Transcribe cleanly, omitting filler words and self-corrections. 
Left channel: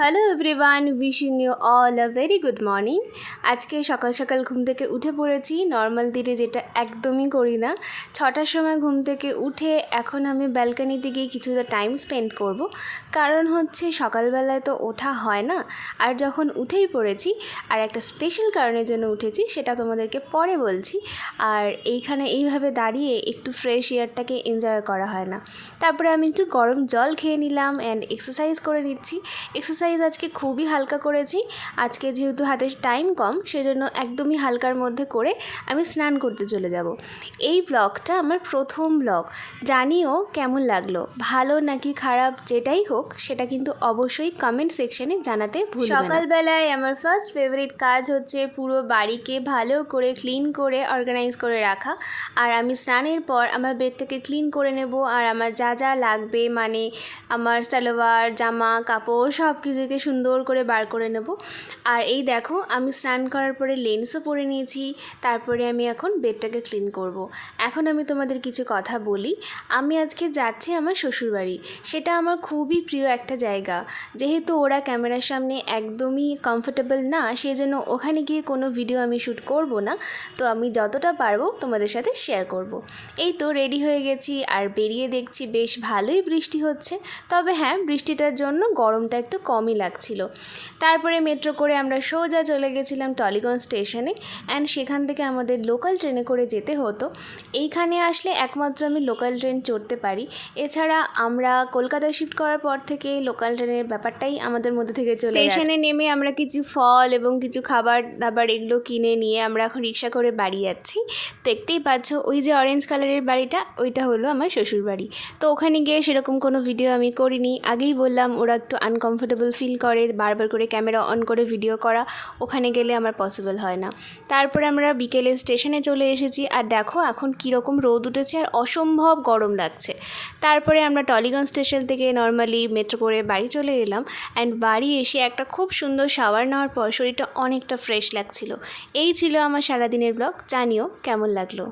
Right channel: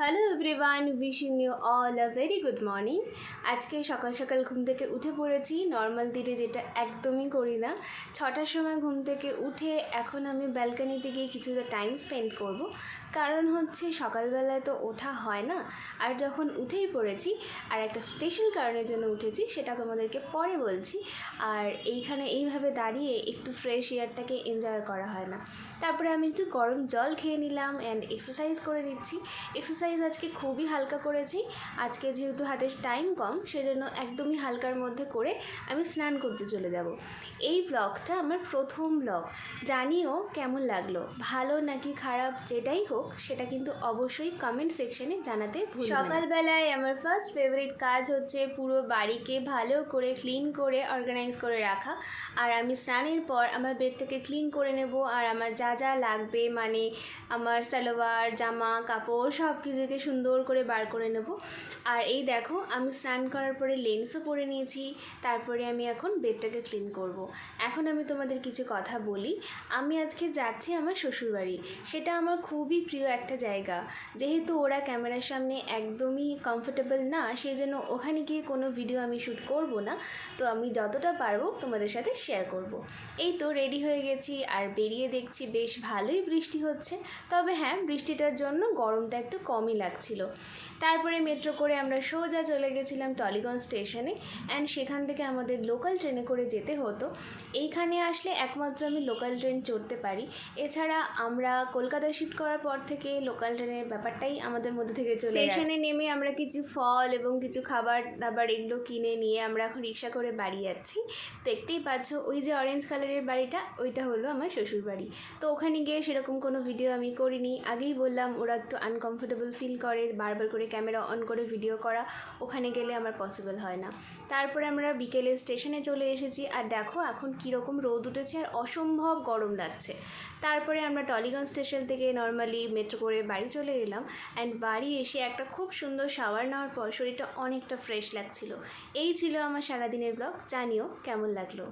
Hello everyone, wishing you all a very good morning. আজকে সকাল সকাল ঘুম থেকে উঠে পড়েছি, নর্মাল দিনে যেটা একদমই করি না। 6টার সময় ঘুম থেকে উঠে এখন আমি ব্যালকানিতে গিয়ে কিছুটা টাইম স্পেন্ড করব, কারণ হচ্ছে সকালবেলায় তো ওঠা হয় না। আর যখন উঠেই পড়েছি, আর একটা স্পেশাল কারণের জন্য উঠেছি, সেটা তোমাদেরকে পরে বলছি। আর এইভাবে দাঁড়িয়ে একটু ফ্রেশ এয়ারটাকে এনজয় করা হয় না। তারপরে আমি একটু গরম জল খেয়ে নিলাম অ্যান্ড এক্সারসাইজ করে নিচ্ছি। এক্সারসাইজ আজকে খুবই হালকা করেছি। আজকে যেহেতু হাতে টাইম কম, সেজন্য একদমই হালকার মধ্যে করে আমি স্নান করতে চলে যাব। এই ব্লগটা আমার প্রথম ব্লগ। জানিও কেমন লাগলো, ভালো নাকি খারাপ যেটাই হোক, সেটা কিন্তু অবশ্যই কমেন্ট সেকশনে জানাতে ভুলবে না। সকালবেলায় আমার ফার্স্ট ফেভারিট কাজ হচ্ছে পুরো বাড়িকে ভালো করে ক্লিন করে অর্গানাইজ করে রাখা। আর আমি স্নানের পর আমার বেডটাকে ক্লিন করে নেব, আর আমার যা যা লাগবে মানে আমার সালোয়ার, জামা কাপড় সব কিছুকে সুন্দর করে বার করে নেব। আর এই দেখো, আমি স্নান করার পরে লেন্সও পরে নিয়েছি। তারপরে আমি এখন বেডটাকে ক্লিন করব। এখন আমি তোমাদের কিছু কথা বলি। আমি আজকে যাচ্ছি আমার শ্বশুরবাড়ি। সেটা আমার খুবই প্রিয় একটা জায়গা। যেহেতু ওরা ক্যামেরার সামনে একদমই কমফোর্টেবল না, সেই জন্য ওখানে গিয়ে কোনো ভিডিও আমি শ্যুট করব না। তো আমি যতটা পারবো তোমাদের সাথে শেয়ার করব। এই তো রেডি হয়ে গেছি, আর বেরিয়ে দেখছি বেশ ভালোই বৃষ্টি হচ্ছে। তবে হ্যাঁ, বৃষ্টিটার জন্য গরমটা একটু কমই লাগছিল। তারপরে মেট্রো করে আমরা সোজা চলে গেছিলাম টলিগঞ্জ স্টেশনে, অ্যান্ড সেখান থেকে আমাদের লোকাল ট্রেনে করে যেতে হতো। এইখানে আসলে একমাত্র আমি লোকাল ট্রেন চড়তে পারি। এছাড়া আমরা কলকাতায় শিফট করার পর থেকে লোকাল ট্রেনের ব্যাপারটাই আমাদের মধ্যে থেকে চলে গেছে। স্টেশনে নেমে আমরা কিছু ফল এবং কিছু খাবার দাবার এগুলো কিনে নিয়ে আমরা এখন রিক্সা করে বাড়ি যাচ্ছি। দেখতেই পাচ্ছ, ওই যে অরেঞ্জ কালারের বাড়িটা, ওইটা হলো আমার শ্বশুর বাড়ি। তো ওখানে গিয়ে সেরকম কোনো ভিডিও আমি করিনি। আগেই বললাম, ওরা একটু আনকমফোর্টেবল ফিল করে, বারবার করে ক্যামেরা অন করে ভিডিও করা ওখানে গেলে আমার পসিবল হয় না। তারপরে আমরা বিকেলে স্টেশনে চলে এসেছি, আর দেখো এখন কীরকম রোদ উঠেছে আর অসম্ভব গরম লাগছে। তারপরে আমরা টলিগঞ্জ স্টেশন থেকে নর্মালি মেট্রো করে বাড়ি চলে এলাম, অ্যান্ড বাড়ি এসে একটা খুব সুন্দর শাওয়ার নেওয়ার পর শরীরটা অনেকটা ফ্রেশ লাগছিল। এই ছিল আমার সারাদিনের ব্লগ। জানিও কেমন লাগলো।